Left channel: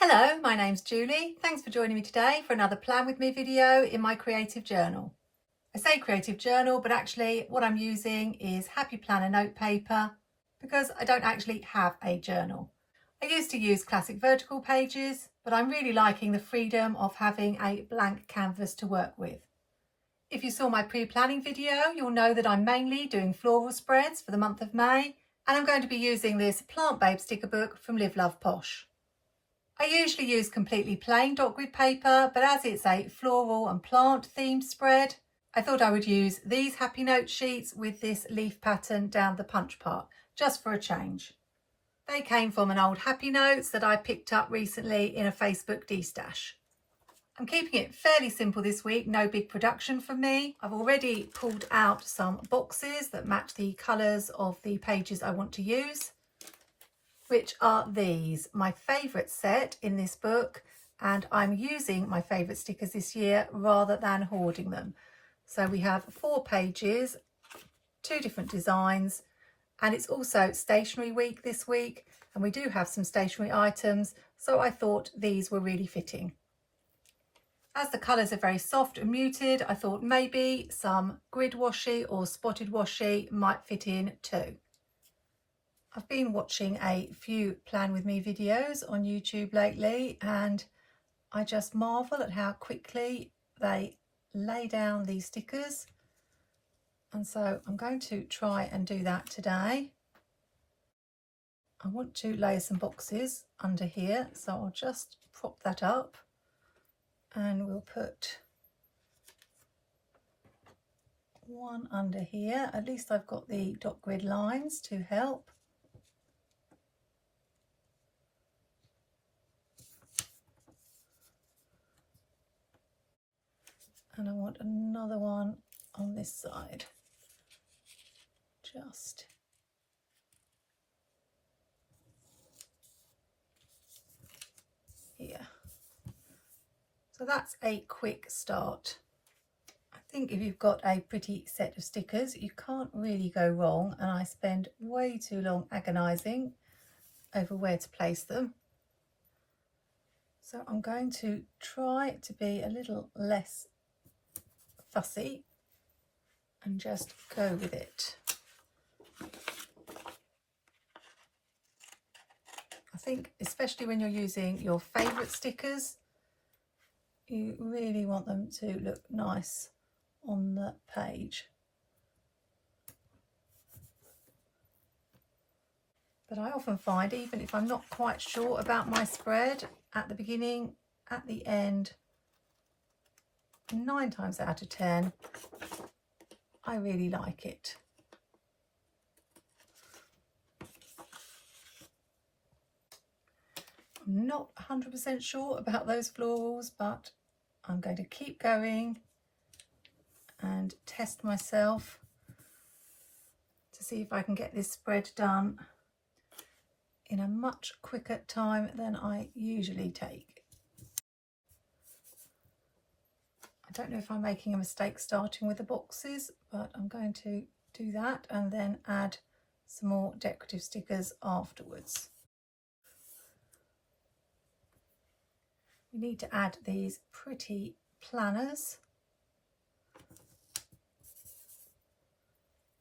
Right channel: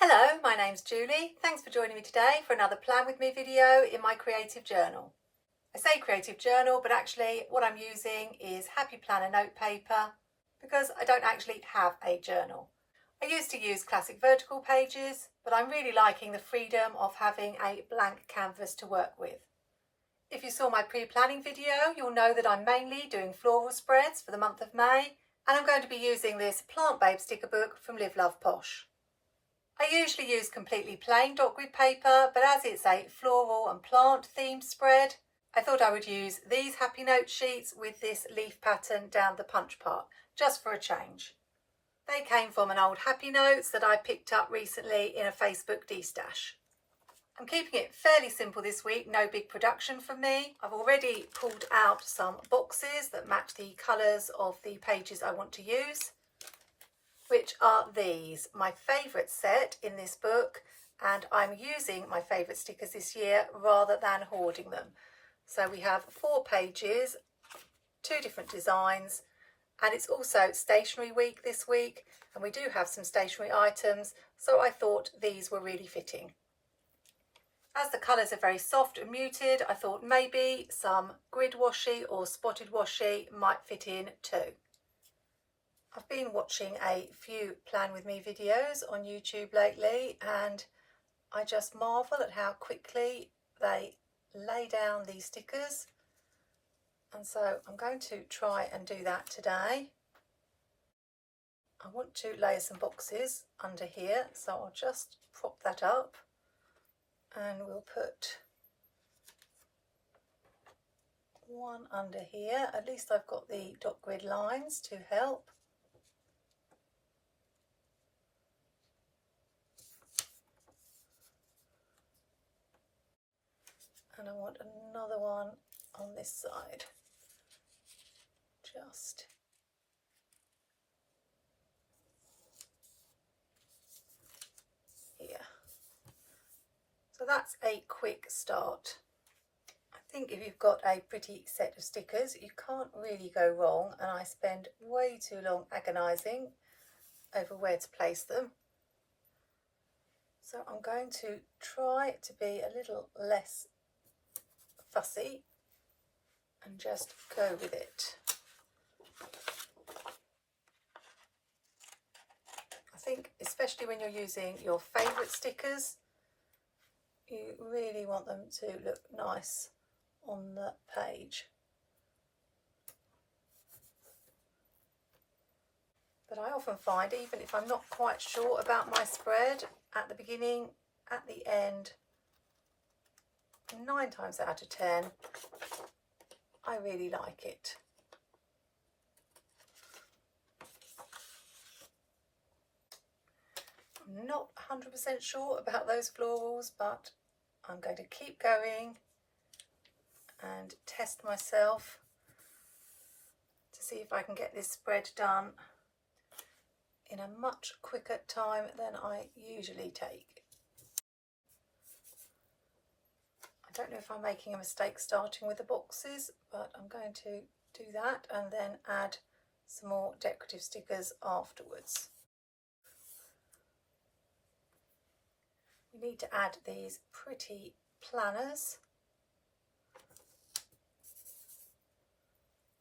Hello, my name's Julie. Thanks for joining me today for another Plan With Me video in my creative journal. I say creative journal, but actually what I'm using is Happy Planner note paper because I don't actually have a journal. I used to use classic vertical pages, but I'm really liking the freedom of having a blank canvas to work with. If you saw my pre-planning video, you'll know that I'm mainly doing floral spreads for the month of May, and I'm going to be using this Plant Babe sticker book from liveloveposh. I usually use completely plain dot grid paper, but as it's a floral and plant themed spread, I thought I would use these happy note sheets with this leaf pattern down the punch part, just for a change. They came from an old Happy Notes that I picked up recently in a Facebook de-stash. I'm keeping it fairly simple this week, no big production from me. I've already pulled out some boxes that match the colours of the pages I want to use, which are these, my favourite set in this book, and I'm using my favourite stickers this year rather than hoarding them. So we have 4 pages, 2 different designs, and it's also Stationery week this week, and we do have some stationery items, so I thought these were really fitting. As the colours are very soft and muted, I thought maybe some grid washi or spotted washi might fit in too. I've been watching a few Plan With Me videos on YouTube lately, and I just marvel at how quickly they lay down these stickers, and so I'm going to try and do that today. I want to lay some boxes under here, so I'll just prop that up and we'll put one under here. At least I've got the dot grid lines to help. And I want another one on this side, just here. So that's a quick start. I think if you've got a pretty set of stickers, you can't really go wrong, and I spend way too long agonising over where to place them. So I'm going to try to be a little less fussy and just go with it. I think especially when you're using your favourite stickers, you really want them to look nice on the page. But I often find, even if I'm not quite sure about my spread at the beginning, at the end, 9 times out of 10, I really like it. I'm not 100% sure about those florals, but I'm going to keep going and test myself to see if I can get this spread done in a much quicker time than I usually take. I don't know if I'm making a mistake starting with the boxes, but I'm going to do that and then add some more decorative stickers afterwards. We need to add these pretty planners.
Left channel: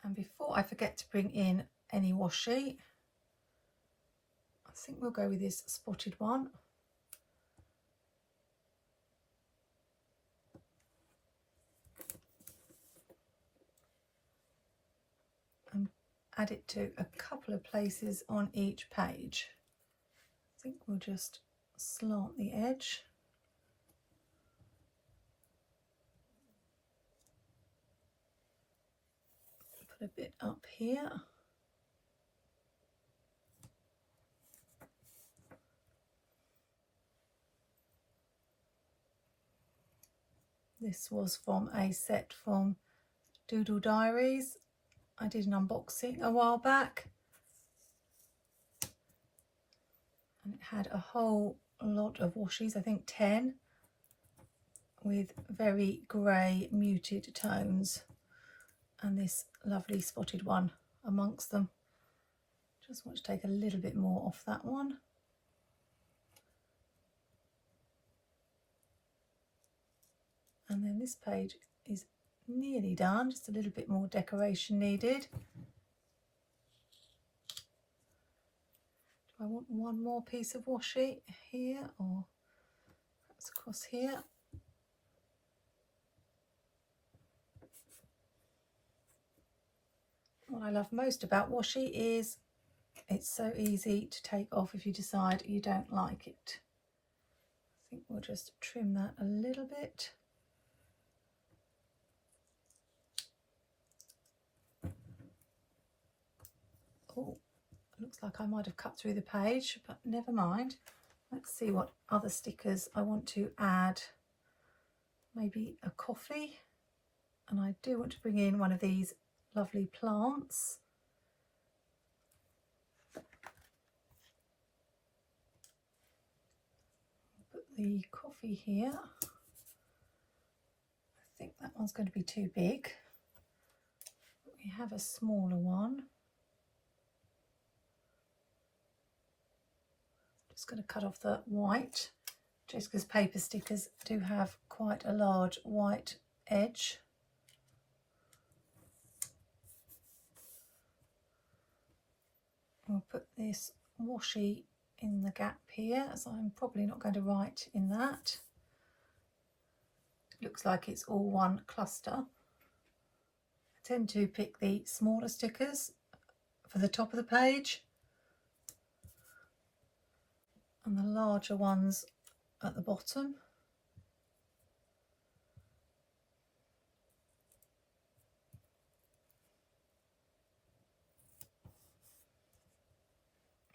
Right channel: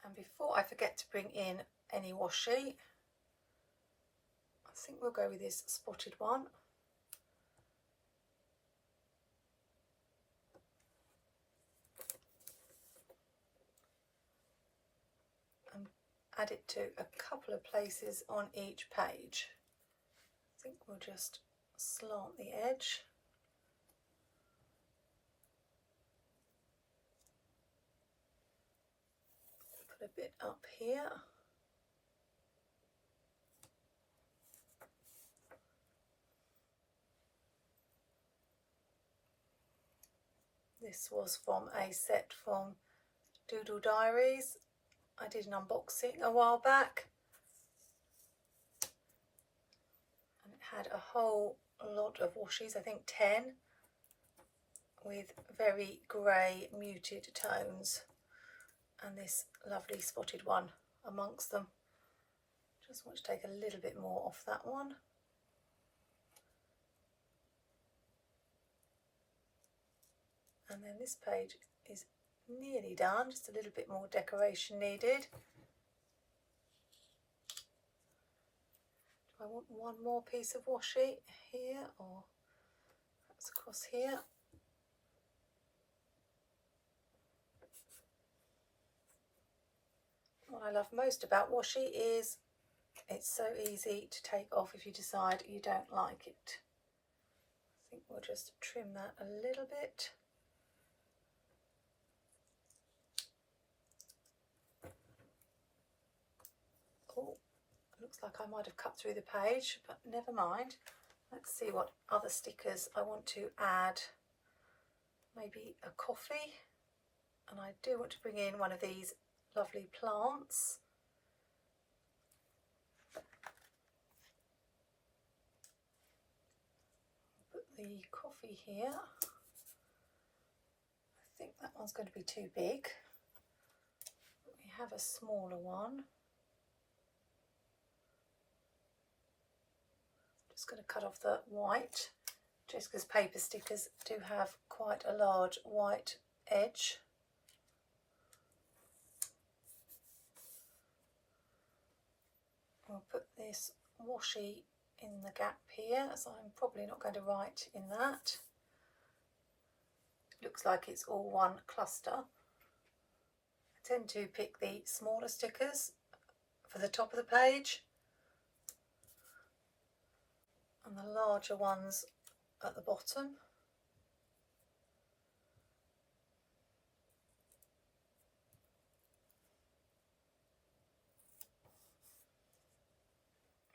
And before I forget to bring in any washi, I think we'll go with this spotted one. And add it to a couple of places on each page. I think we'll just slant the edge. Put a bit up here. This was from a set from DoodleDiarys. I did an unboxing a while back, and it had a whole lot of washes, I think 10, with very grey muted tones, and this lovely spotted one amongst them. Just want to take a little bit more off that one. And then this page is nearly done, just a little bit more decoration needed. Do I want one more piece of washi here, or perhaps across here? What I love most about washi is it's so easy to take off if you decide you don't like it. I think we'll just trim that a little bit. Oh, looks like I might have cut through the page, but never mind. Let's see what other stickers I want to add. Maybe a coffee, and I do want to bring in one of these lovely plants. Put the coffee here. I think that one's going to be too big. We have a smaller one. Just going to cut off the white, just because paper stickers do have quite a large white edge. We'll put this washi in the gap here, as I'm probably not going to write in that. It looks like it's all one cluster. I tend to pick the smaller stickers for the top of the page and the larger ones at the bottom.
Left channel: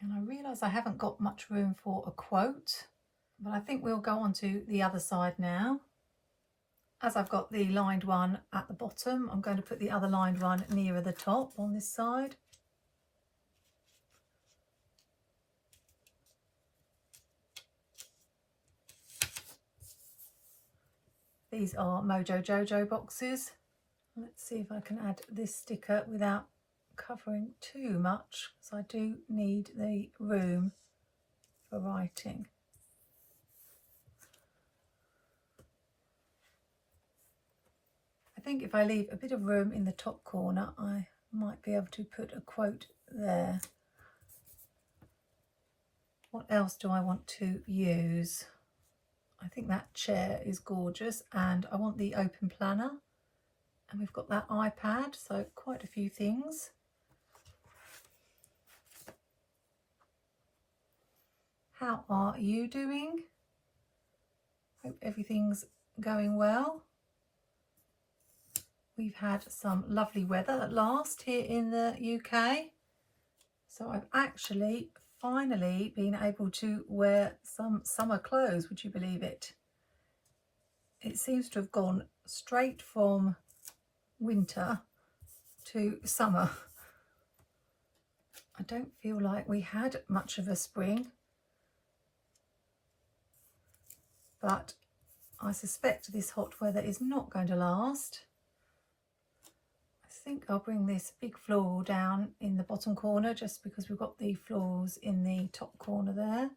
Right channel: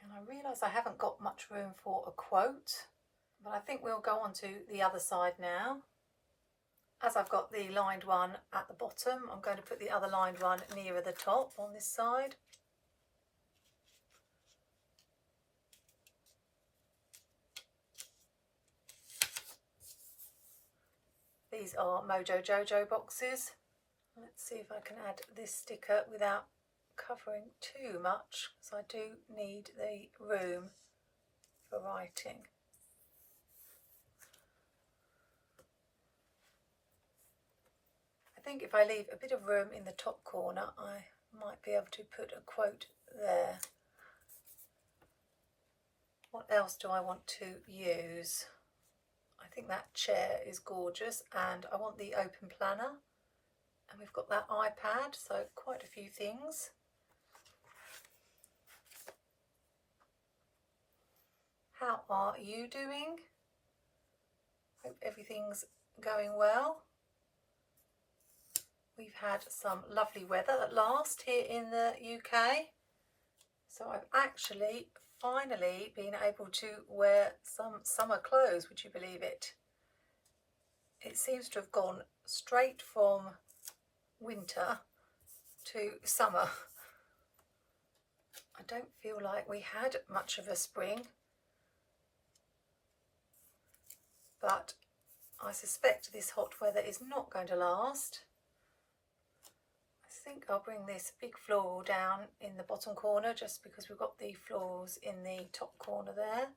And I realise I haven't got much room for a quote, but I think we'll go on to the other side now. As I've got the lined one at the bottom, I'm going to put the other lined one nearer the top on this side. These are Mojo Jojo boxes. Let's see if I can add this sticker without covering too much, because I do need the room for writing. I think if I leave a bit of room in the top corner, I might be able to put a quote there. What else do I want to use? I think that chair is gorgeous, and I want the open planner, and we've got that iPad, so quite a few things. How are you doing? Hope everything's going well. We've had some lovely weather at last here in the UK. So I've actually finally been able to wear some summer clothes, would you believe it? It seems to have gone straight from winter to summer. I don't feel like we had much of a spring, but I suspect this hot weather is not going to last. I think I'll bring this big floral down in the bottom corner, just because we've got the florals in the top corner there.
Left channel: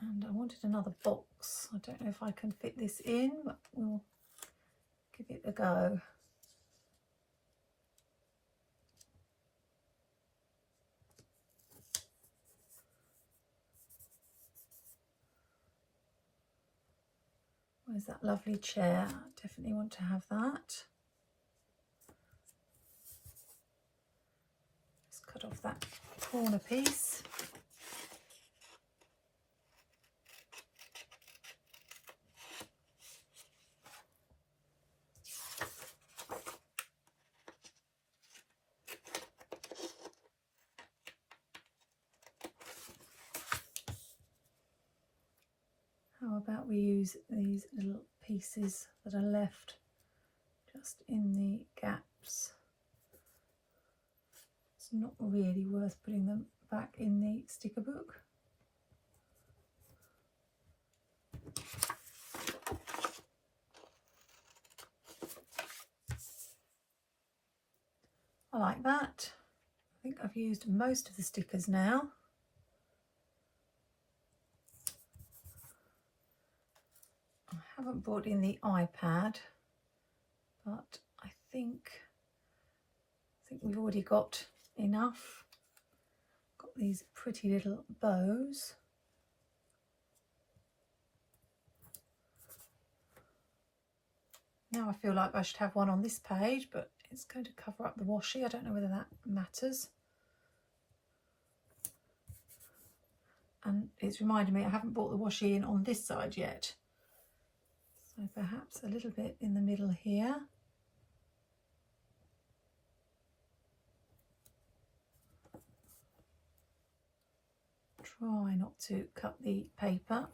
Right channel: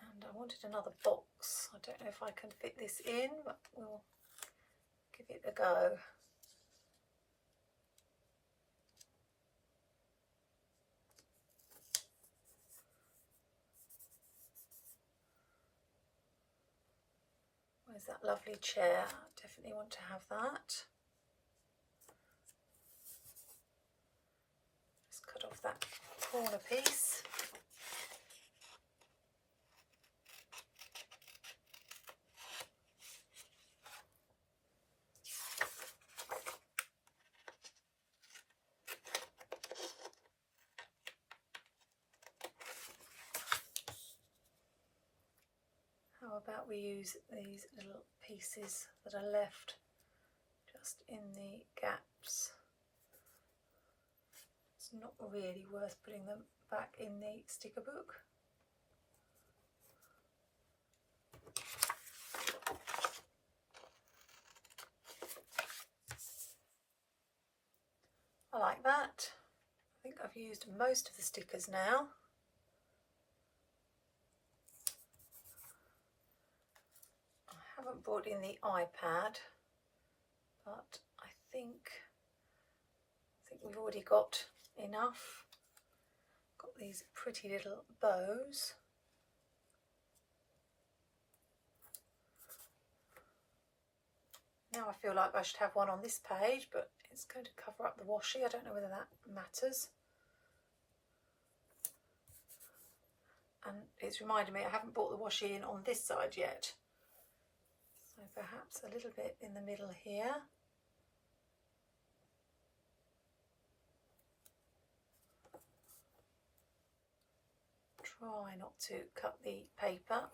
And I wanted another box. I don't know if I can fit this in, but we'll give it a go. Where's that lovely chair? I definitely want to have that. Just cut off that corner piece. How about we use these little pieces that are left just in the gaps? It's not really worth putting them back in the sticker book. I like that. I think I've used most of the stickers now. haven't brought in the iPad, but I think we've already got enough. Got these pretty little bows. Now I feel like I should have one on this page, but it's going to cover up the washi. I don't know whether that matters. And it's reminding me I haven't brought the washi in on this side yet. So perhaps a little bit in the middle here. Try not to cut the paper.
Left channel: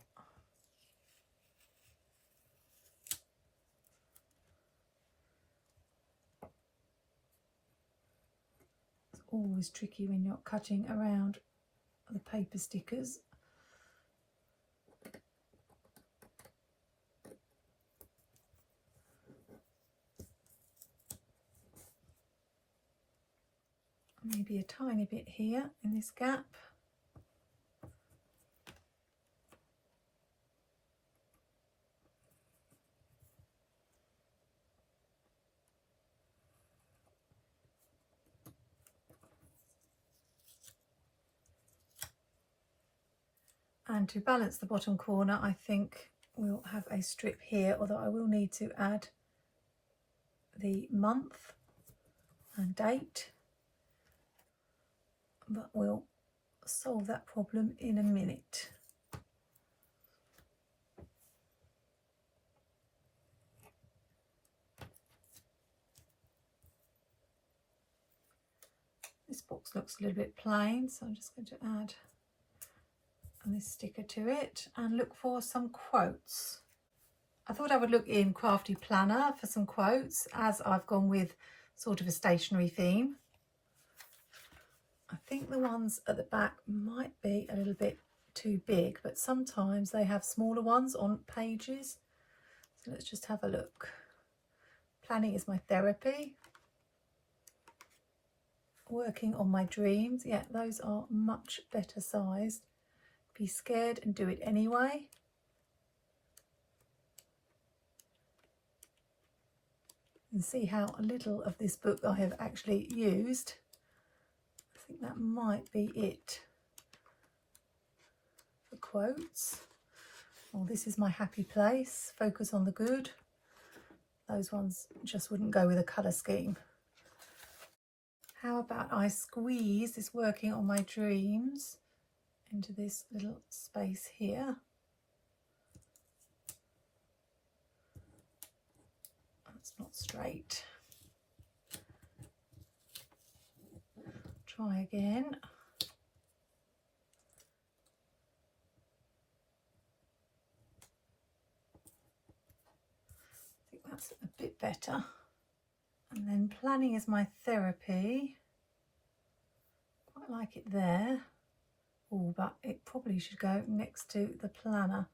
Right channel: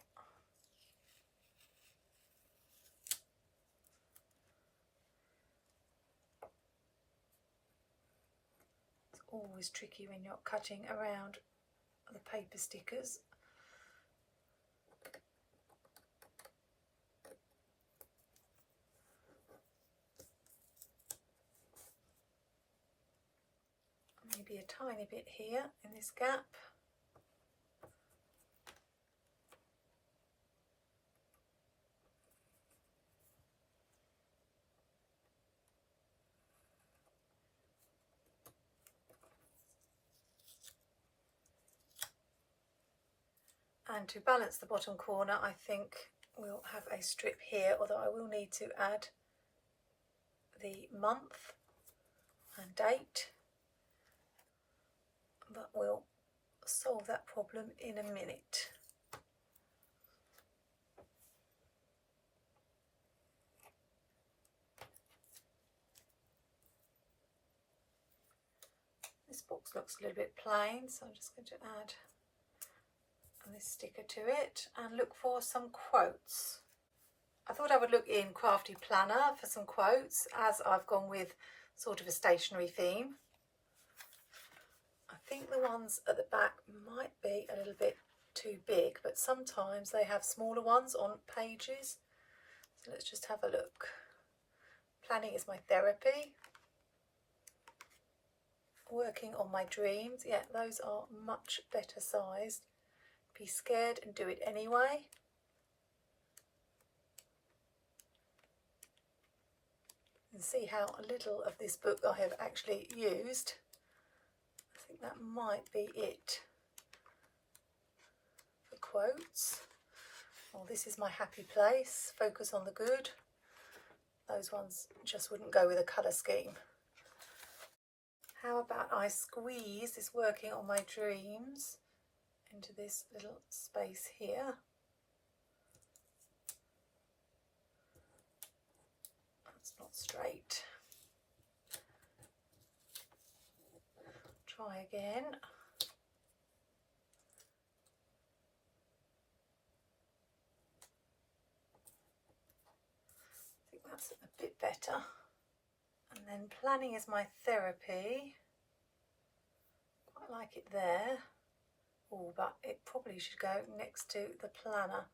It's always tricky when you're cutting around the paper stickers. Maybe a tiny bit here in this gap. And to balance the bottom corner, I think we'll have a strip here, although I will need to add the month and date. But we'll solve that problem in a minute. This box looks a little bit plain, so I'm just going to add this sticker to it and look for some quotes. I thought I would look in Crafty Planner for some quotes, as I've gone with sort of a stationery theme. I think the ones at the back might be a little bit too big, but sometimes they have smaller ones on pages. So let's just have a look. Planning is my therapy. Working on my dreams. Yeah, those are much better sized. Be scared and do it anyway. And see how little of this book I have actually used. I think that might be it for quotes. Well, this is my happy place. Focus on the good. Those ones just wouldn't go with a colour scheme. How about I squeeze this working on my dreams into this little space here. That's not straight. Try again. I think that's a bit better. And then planning is my therapy. Quite like it there. Oh, but it probably should go next to the planner.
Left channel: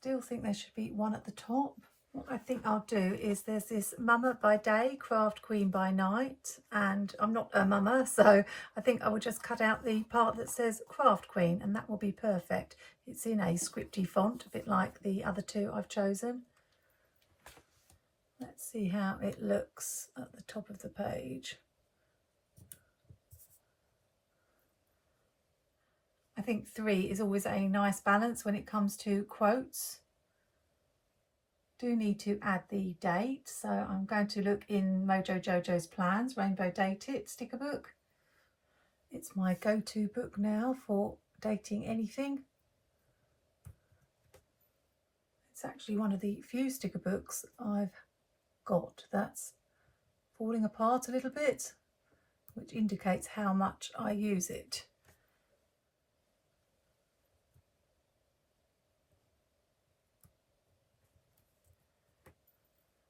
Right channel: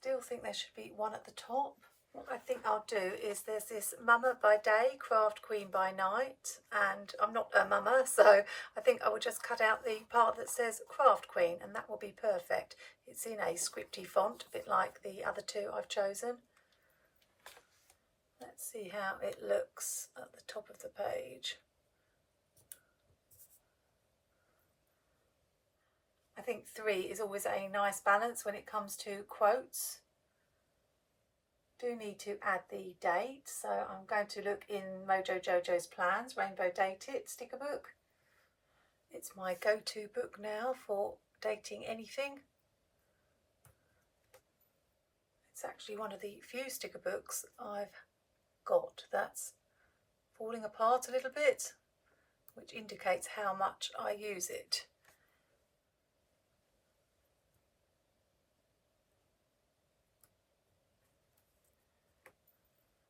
Still think there should be one at the top. What I think I'll do is there's this Mama by Day, Craft Queen by Night, and I'm not a mama, so I think I will just cut out the part that says Craft Queen, and that will be perfect. It's in a scripty font, a bit like the other two I've chosen. Let's see how it looks at the top of the page. I think 3 is always a nice balance when it comes to quotes. Do need to add the date, so I'm going to look in Mojo Jojo's Plans, Rainbow Dated sticker book. It's my go-to book now for dating anything. It's actually one of the few sticker books I've got that's falling apart a little bit, which indicates how much I use it.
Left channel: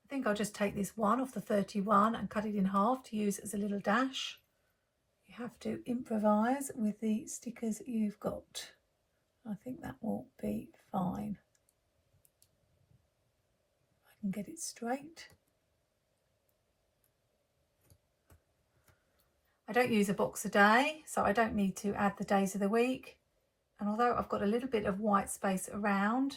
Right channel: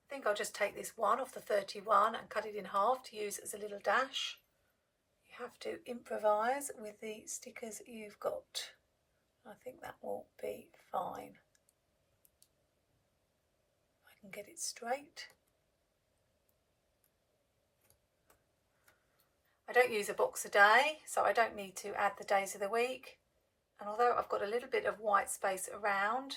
I think I'll just take this one off the 31 and cut it in half to use as a little dash. You have to improvise with the stickers you've got. I think that will be fine. If I can get it straight. I don't use a box a day, so I don't need to add the days of the week. And although I've got a little bit of white space around,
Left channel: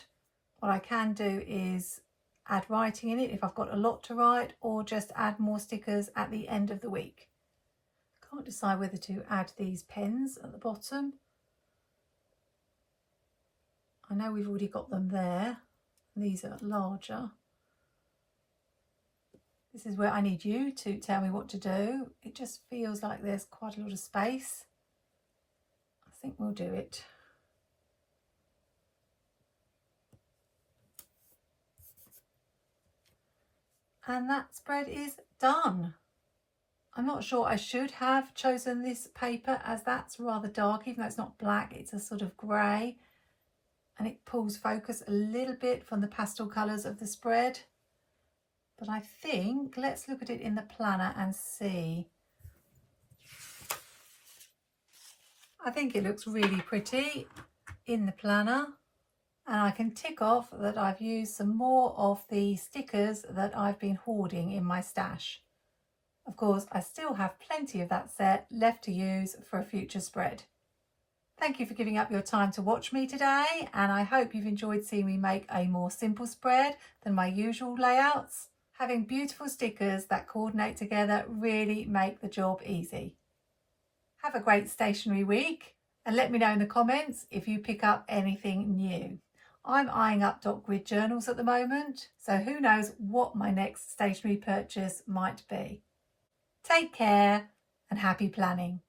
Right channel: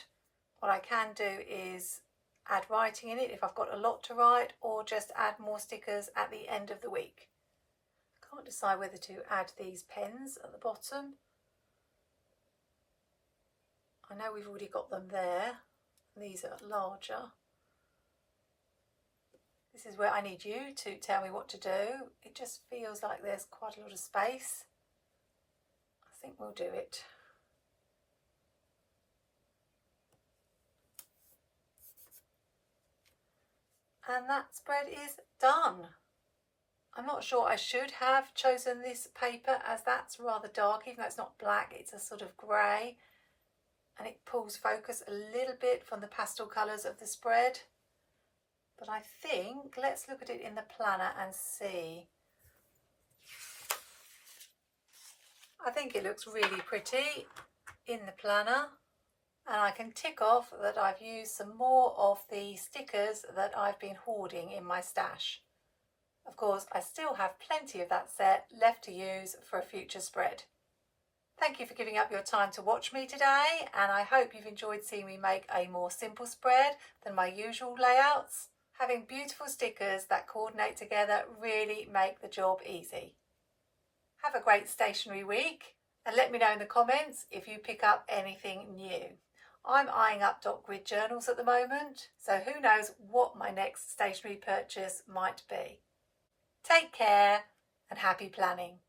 what I can do is add writing in it if I've got a lot to write, or just add more stickers at the end of the week. I can't decide whether to add these pens at the bottom. I know we've already got them there. These are larger. This is where I need you to tell me what to do. It just feels like there's quite a lot of space. I think we'll do it. And that spread is done. I'm not sure I should have chosen this paper, as that's rather dark, even though it's not black, it's a sort of grey, and it pulls focus a little bit from the pastel colours of the spread. But I think, let's look at it in the planner and see. I think it looks really pretty in the planner. And I can tick off that I've used some more of the stickers that I've been hoarding in my stash. Of course, I still have plenty of that set left to use for a future spread. Thank you for giving up your time to watch me today, and I hope you've enjoyed seeing me make a more simple spread than my usual layouts. Having beautiful stickers that coordinate together really make the job easy. Have a great stationery week, and let me know in the comments if you pick up anything new. I'm eyeing up dot grid journals at the moment, so who knows what my next stationery purchase might be. Take care and happy planning.